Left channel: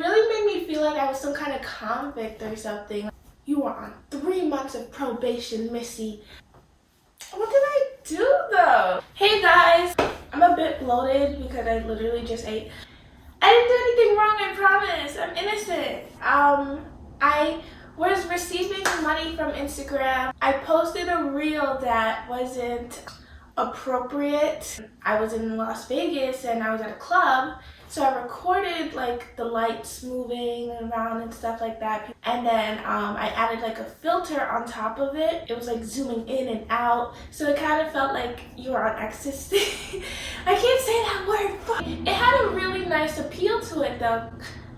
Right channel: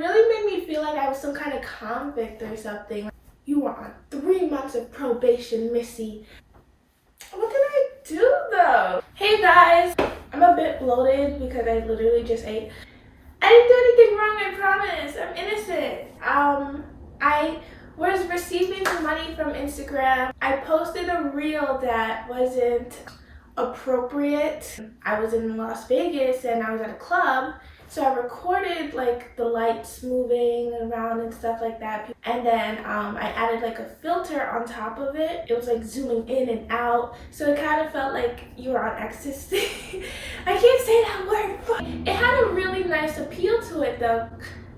it really made me feel like I was some kind of convict or something. You were on 3 months of probation, Missy. What did I do though? Hey guys, I'm a bit bloated because I literally just ate. I didn't do anything wrong, I promise. I'm innocent. I was receiving money from Instagram. I posted a reel that wasn't appropriate. I was in Las Vegas and I was at a club, so I recorded like the lights moving around and stuff like that, and then I added like a filter on top of it. It was like zooming in and out, so it kind of felt like you were on ecstasy. I can't say that word. It had a really nice appeal to it though.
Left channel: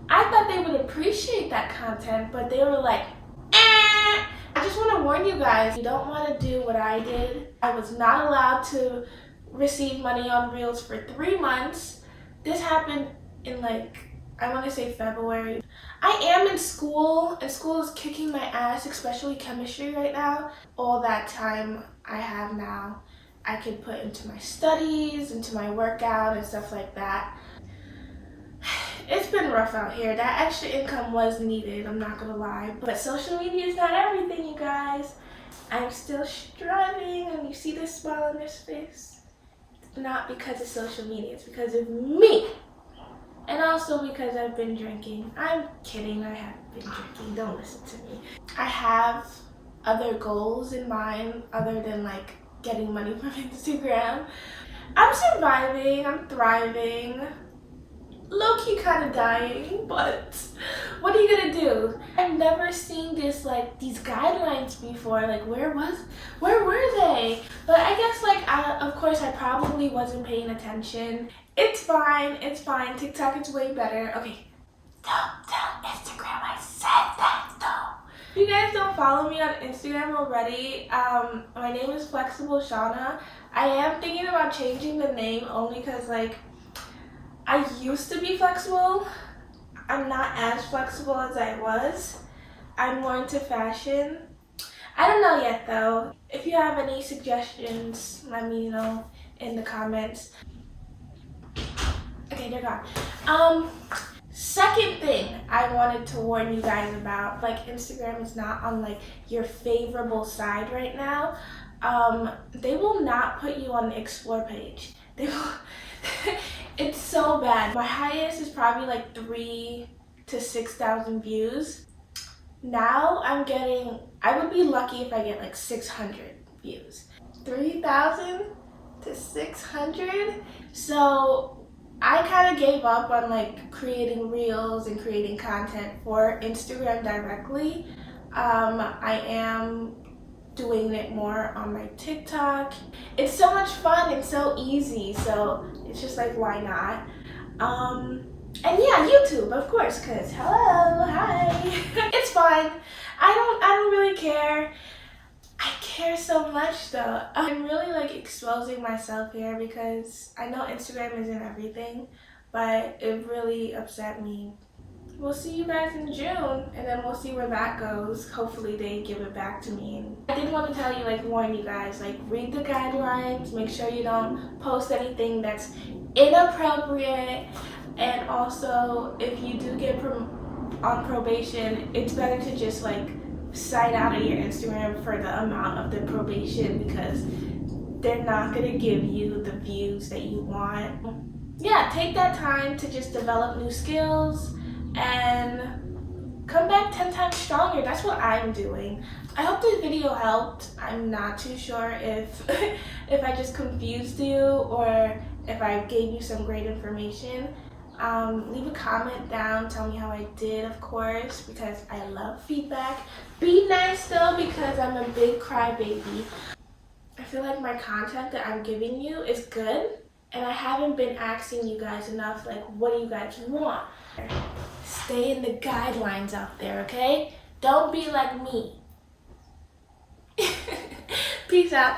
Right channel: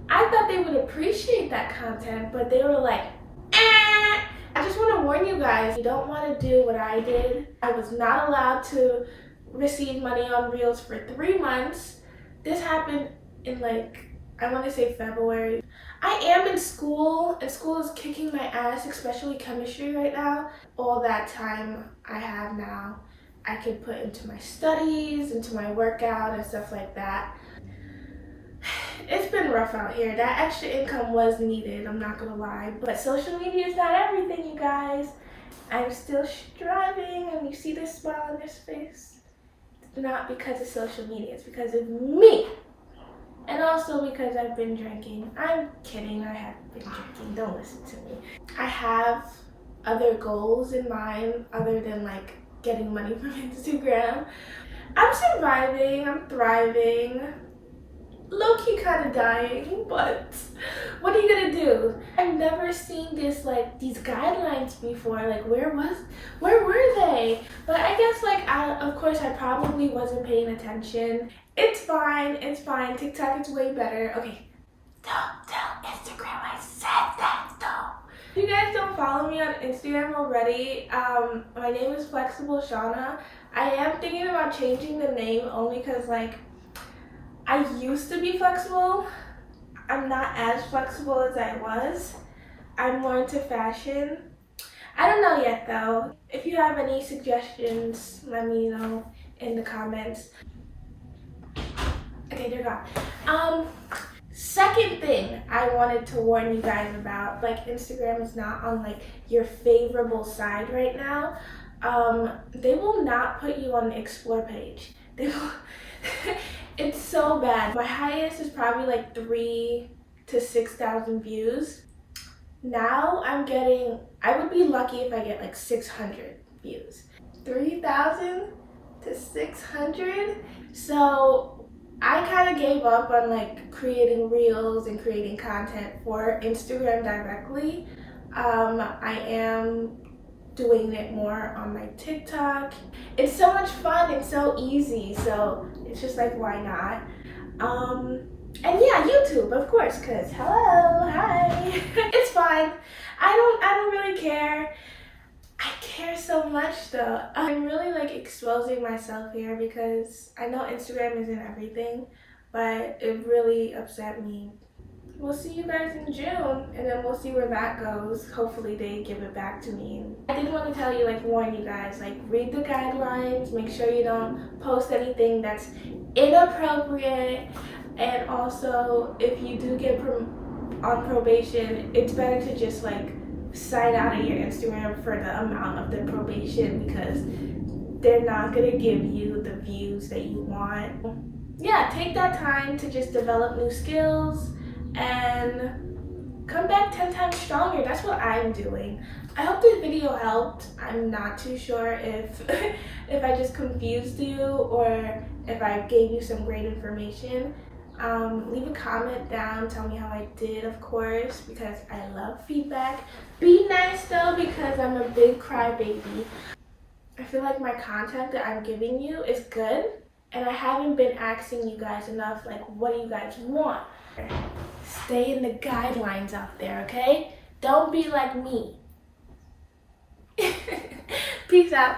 I thought they would appreciate that content, but they were like, eh. I just want to warn you guys, you don't want to do what I did. I was not allowed to receive money on Reels for 3 months. This happened in like, I want to say February. I am in school, and school is kicking my ass, especially chemistry right now. All that time I have now, I can put into my studies, into my workout and stuff like that. It's been rough out here. That extra income was needed, I'm not gonna lie. But social media is not everything, you guys. I'm still striving, and you see this smile on this face? It's not because of social media, it's because of me. And also because I've been drinking. I'm kidding, I haven't been drinking, don't listen to me. I have other goals in mind other than like getting money from Instagram. I'm surviving, I'm thriving. Low-key kind of dying, but what are you gonna do? I've never seen this, like, these guidelines before. Like, where were they? But I guess, like, of course I probably wasn't paying attention. It's fine, TikTok is way better. Okay, don't tell Instagram I said that though. If you guys don't follow me on Instagram already, my name is Flexible Shawna. I am thinking about changing the name only because, like, I used to be flexible. I'm not as flexible as I was. I'm more into fashion. I don't know yet though. If you have any suggestions, let me know in the comments. Okay, they're gone. Second thing I wanted to warn you guys about, like, Instagram is not on like your favorable side right now. They will not put you on the explore page. They will. It's so bad. My highest is probably like 3,000 to 6,000 views. Now I'm getting, I would be lucky if I get like 600 views. 3,000 to 600? So I kind of gave up on like creating reels and creating content for Instagram directly. I am doing it more on my TikTok. It's so much fun and so easy, so it's just like, why not? And yeah, YouTube, of course, because hello, hi. It's fine. I don't really care. I care so much though. I'm really like exposing myself here because I know Instagram isn't everything, but it really upset me. We'll see you guys in June, and then we'll see where that goes. Hopefully they give it back to me. I did want to tell you, like, warn you guys, like, read the guidelines, make sure you don't post anything that's inappropriate, and also if you do get on probation, it's better to just like sign out of your Instagram for the amount of the probation, because they're not gonna give you the views that you want. Yeah, take that time to just develop new skills and come back 10 times stronger. That's what I'm doing. I hope this video helped. I'm not too sure if if I just confused you or if I gave you some great information. Leave a comment down, tell me how I did, of course, because I love feedback. Be nice though, because I'm a big crybaby. I feel like my content that I'm giving you is good, and I haven't been asking you guys enough, like, what do you guys want? Stay in the guidelines out there, okay? Don't be like me. Peace out.